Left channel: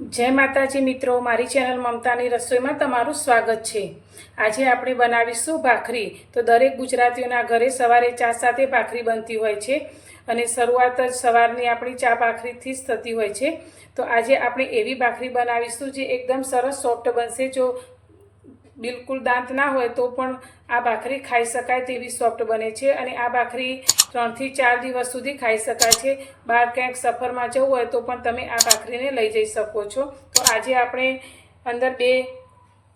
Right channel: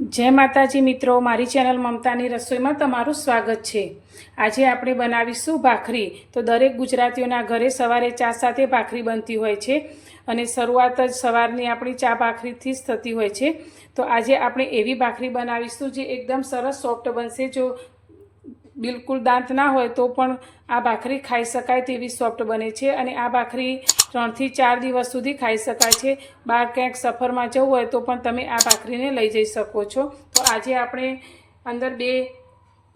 जय माताजी मित्रों, मारी चेनल ममतानी रसोई में तमारुं स्वागत है। आज आपणे बनावीशुं भाखरी। तो दरेक गुजरातीओना घरे सवारे चा साथे भाखरी बनती होय छे अने शरूआत ज सवारनी आपणी चा भाखरीथी ज थती होय छे। तो आज आपणे एवी भाखरी बनावीशुं जे एकदम सरस सॉफ्ट बनशे। जो बिल्कुल दांत ना होय तो पण आ भाखरी खाई शकाय तेवी सॉफ्ट बने छे अने आ भाखरी 3 થી 4 દિવસ सुधी खाई शकाय छे। बहार क्यांक सफरमां जवुं होय तो पण तमे आ भाखरीने लई जई शको छो। तो आजे आपणे अंदर 2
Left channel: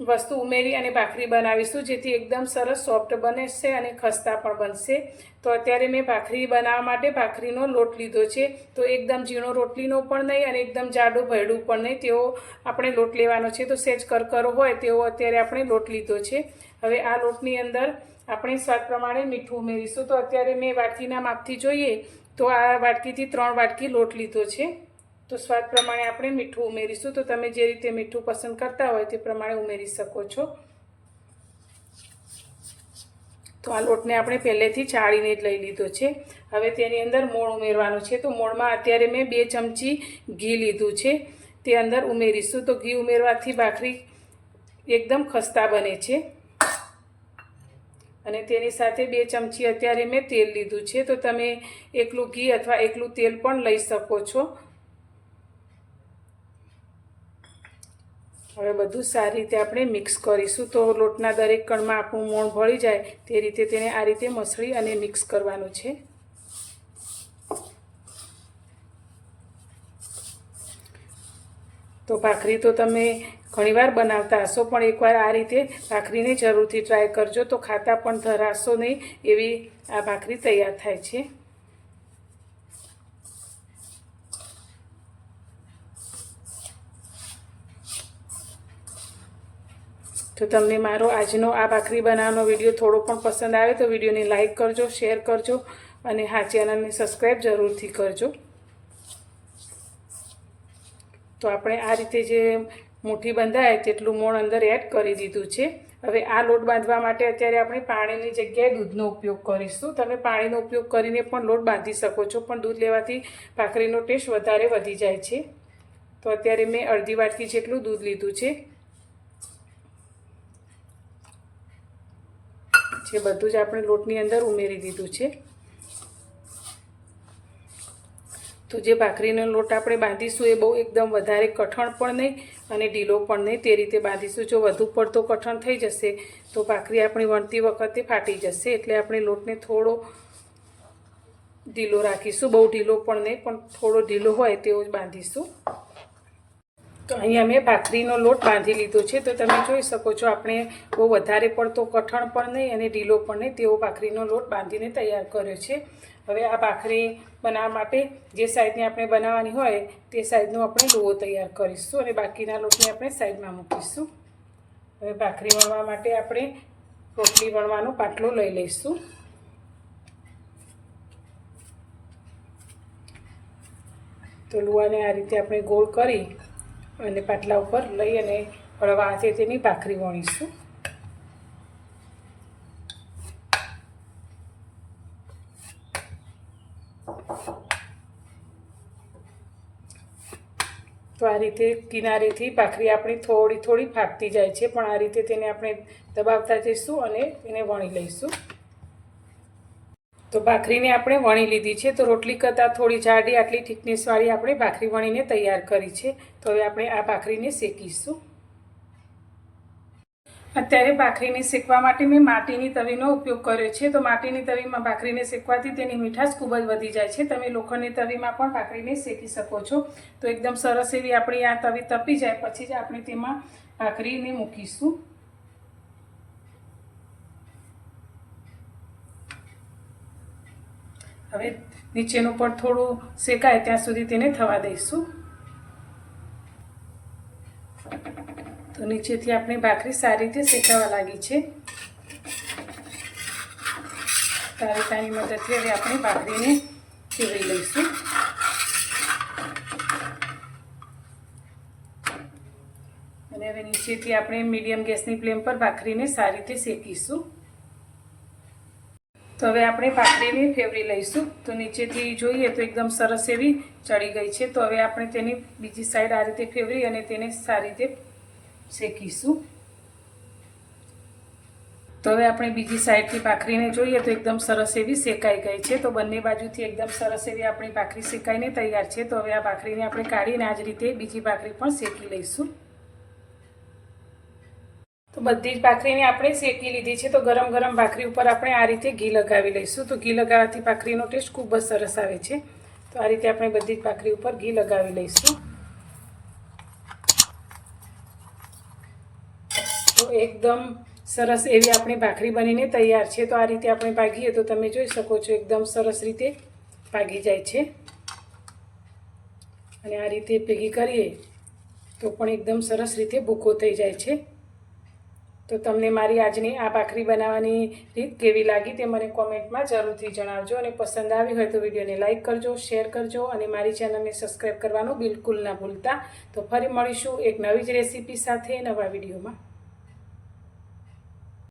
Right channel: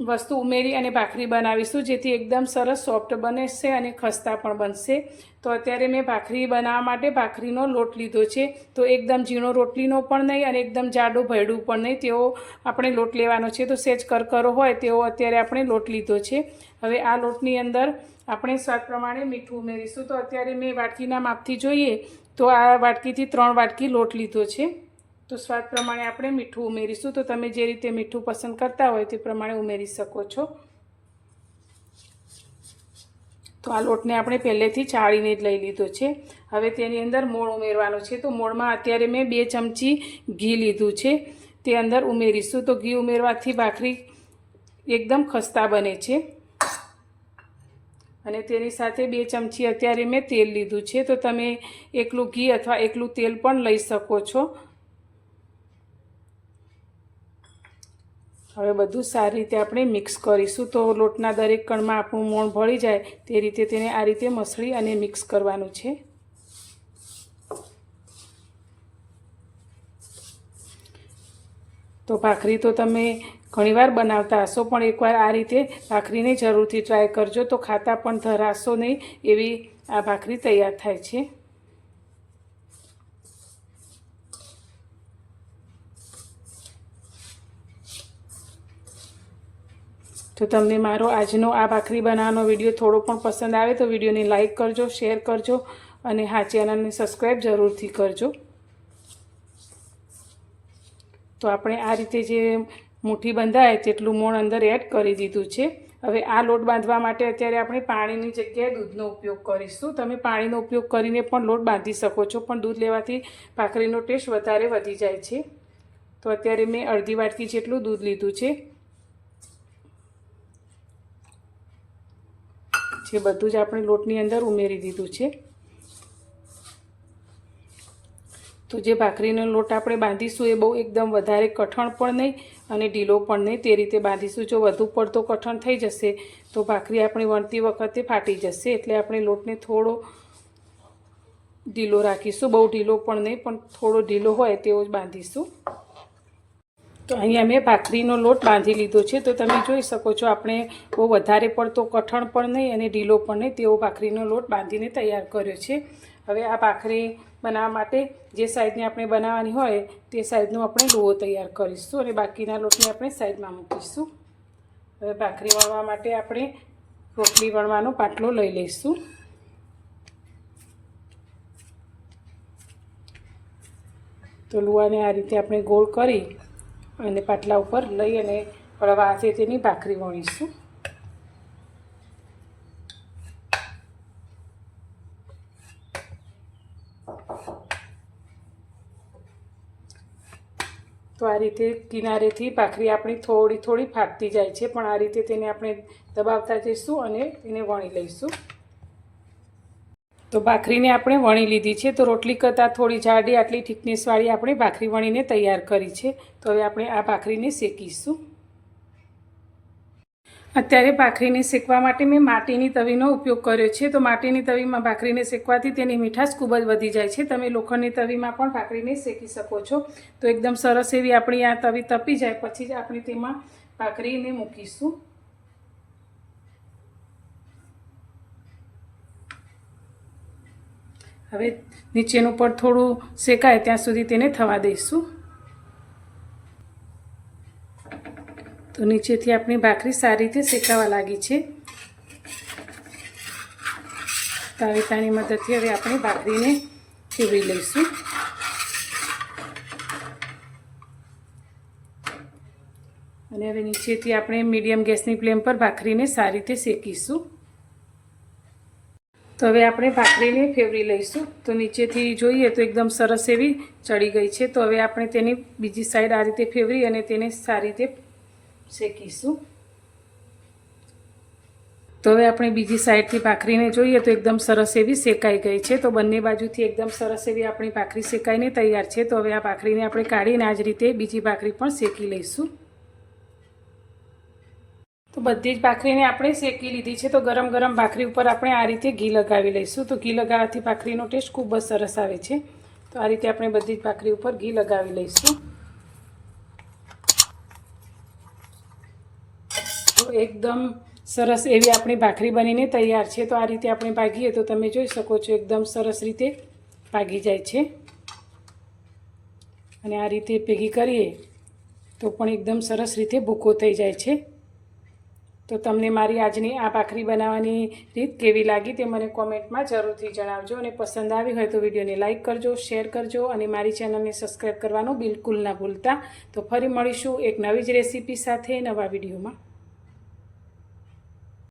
वस्तु उमेरी अने भाखरी बनावीशुं जेथी एकदम सरस सॉफ्ट बनशे अने खस्ता पण बनशे। तो अत्यारे मैं भाखरी बनाववा माटे भाखरीनो लोट लीधो छे। तो एकदम झीणो रोटलीनो पण नहीं अने एकदम जाडो भयडुं पण नहीं तेवो आपणे लोट लेवानो छे। तो सेज करकरो होय तेवो अत्यारे आपणे लोट लीधो छे। हवे आ लोटनी अंदर આપણે સ્વાદ પ્રમાણે મીઠું ઉમેરીશું। તો અત્યારે મેં વાટકીના માપથી જોઈએ તો આ વાટકીથી 3 વાટકી લોટ લીધો છે। તો સ્વાદ પ્રમાણે આપણે મીઠું ઉમેરીશું। તો તમે જે રીતે મીઠું પસંદ કરતા હોય તે પ્રમાણે ઉમેરી શકો છો। તો આ લોટને આપણે પહેલેથી ચાળીને જ લઈ લીધો છે। હવે તેની અંદર મોણ ઉમેરવાનું છે। તો મોણમાં અત્યારે મેં 2 ચમચી ઘી લીધું છે, તે અંદર ઉમેરીશું। તો ઘી ઉમેરવાથી ભાખરી એકદમ ખસ્તા બને છે। અને તેની સાથે 2 ચમચી અત્યારે મેં તેલ લીધું છે। તો તમે એકલું ઘી અથવા એકલું તેલ પણ લઈ શકો છો। હવે બધું સારી રીતે આપણે મિક્સ કરીશું। તો લોટના દરેક કણમાં આપણું મોણ ભળી જાય તે રીતે તેને આ રીતે મસળી અને મિક્સ કરવાનું છે। તો ભાખરી તો તમે ઘણીવાર બનાવતા હશો, પણ એકવાર આ રીતે ભાખરીને જરૂરથી ટ્રાય કરજો। તો ખાતા પણ ધરાશો નહીં એવી આ ભાખરી તૈયાર થાય છે। તો તમને મારો આજનો આ ભાખરી બનાવવાનો વિડીયો થોડો પણ પસંદ આવે તો વિડીયોને લાઈક કરજો, શેર કરજો અને હા, ચેનલને સબસ્ક્રાઈબ જરૂરથી કરજો। તો આપણે આ રીતે જે मुठी बंधाय तेटलुं मोण अंदर एड करी दीधुं छे। हवे आ लोट बांधवा माटे अत्यारे आपणे पाणीनी जग्याए दूधनो उपयोग करीशुं। तमे पाणीनो उपयोग करीने पण लोट बांधी शको छो, पण दूध लेवाथी भाखरीनो टेस्ट वधारे वधी जाय छे। तो अत्यारे मैं अर्धी वाटकी जेटलुं दूध लीधुं छे, जे बधुं ज आपणे लोटनी अंदर उमेरी दीधुं छे। तो जे भाखरीनो लोट आपणे बांधीशुं ए बहु एकदम वधारे कठण पण नहीं अने ढीलो पण नहीं, ते रीते बांधीशुं। जो वधु पड़तो कठण थई जशे तो भाखरी आपणे वणती वखते फाटी जशे, एटले आपणे लोटने थोड़ो ढीलो राखीशुं। बहु ढीलो पण नहीं, पण थोड़ो ढीलो होय तेवो ज बांधीशुं। तो अहींया मैं भाखरीनो लोट बांधी लीधो छे। तो तमे जोई शको छो आपणे बहु वधारे पड़तो कठण पण नहीं अने ढीलो पण नहीं तेवो भाखरीनो लोट बांधीने तैयार कर्यो छे। हवे आ भाखरी बनाववा माटे जे साइजनी आपणे बनाववानी होय ते साइजनो आपणे लोहो तैयार करीशुं अने बाकीना लोटने आपणे साइडमां मूकीशुं। हवे भाखरी वणवा माटे आपणे रोटली वणવાનો पाटलो लई लईशुं। तो लुवाने आ रीते आपणे गोल करी अने पाटला उपर लई अने हळवा हाथे तेनी भाखरी वणीशुं। तो आ रीते किनारेथी भाखरी आपणी थोड़ी थोड़ी फाटती जाय छे, पण आ रीते तेने आपणे दबावता जईशुं अने तेने वणी लईशुं। तो भाखरीने आपणे वणी लीधी छे। तो रोटली करता थोड़ी जाडी आटली थिकनेसवाળી आपणे भाखरी वणीने तैयार करी छे। तो हवे आपणे आ भाखरीने शेकीशुं। अत्यारे भाखरीने शेकवा माटे मैं माटीनी तवीनो उपयोग कर्यो छे। तो माटीनी तवीमां भाखरीने शेकवाथी तेनी मीठाश खूब ज वधी जाय छे। तमे लोखंडनी तवीमां पण भाखरीने शेकी शको छो। तो एकदम सरस एवी आपणी आ तवी तपी जाय पछी ज आपणे तेमां भाखरीने मूकीशुं। हवे नीचेनुं पण थोडुं शेकाय त्यां सुधी तेने थवा दईशुं। तो नीचेथी आपणी भाखरी सारी रीते शेकावा लागी छे। तावेतानी मददथी हवे आपणे भाखरीने चीरी लईशुं। अने हवे नीचेथी आपणे मीडियम गैसनी फ्लेम पर भाखरीने सारी रीते शेकीशुं। તો હવે આપણે ભાખરીને ફેવરી લઈશું. તો નીચેથી જોઈએ તો એકદમ સરસ એવી ચડી ગઈ છે. તો હવે આપણે તેની બીજી સાઈડ આ રીતે ફેવરી અને તેને સારી રીતે શેકીશું. તો હવે આપણે બીજી સાઈડથી ભાખરીને જોઈએ તો એકદમ સરસ એવી શેકાઈ ગઈ છે. તો બંને બાજુથી એકદમ સરસ એવી આપણી ભાખરી શેકાઈને તૈયાર છે. તો હવે આ ભાખરીને આપણે કાઢીને આ જ રીતે બીજી ભાખરી પણ શેકી લઈશું. તો બધી જ ભાખરીને આપણે શેકી લીધી છે. તો ગરમ ગરમ ભાખરી ઉપર આપણે આ રીતે ઘી લગાવી લઈશું. તો ઘી લગાવવાથી ભાખરીનો ટેસ્ટ ખૂબ જ સરસ આવે છે. તો આ રીતે આપણે બધી જ ભાખરી ઉપર ઘી લગાવી લઈશું. તો એકદમ સરસ એવી આપણી ભાખરી બનીને તૈયાર છે. તો આ રીતે આપણે ભાગીએ તો તમે જોઈ શકો છો એકદમ સરસ રીતે ભાગી જાય છે. અને આ રીતે ભેગી કરીએ તો પણ એકદમ સરસ રીતે ભૂકો થઈ જાય છે. તો તમને મારી આજની આ ભાખરી બનાવવાની રીત કેવી લાગી તે મને કોમેન્ટમાં જરૂરથી જણાવજો. અને પસંદ આવી હોય તો વિડીયોને લાઇક કરજો, શેર કરજો અને મારી ચેનલને સબસ્ક્રાઈબ કરવાનું બિલકુલ ના ભૂલતા. તો ફરી મળીશું એક નવી જ રેસીપી સાથે નવા વિડીયોમાં.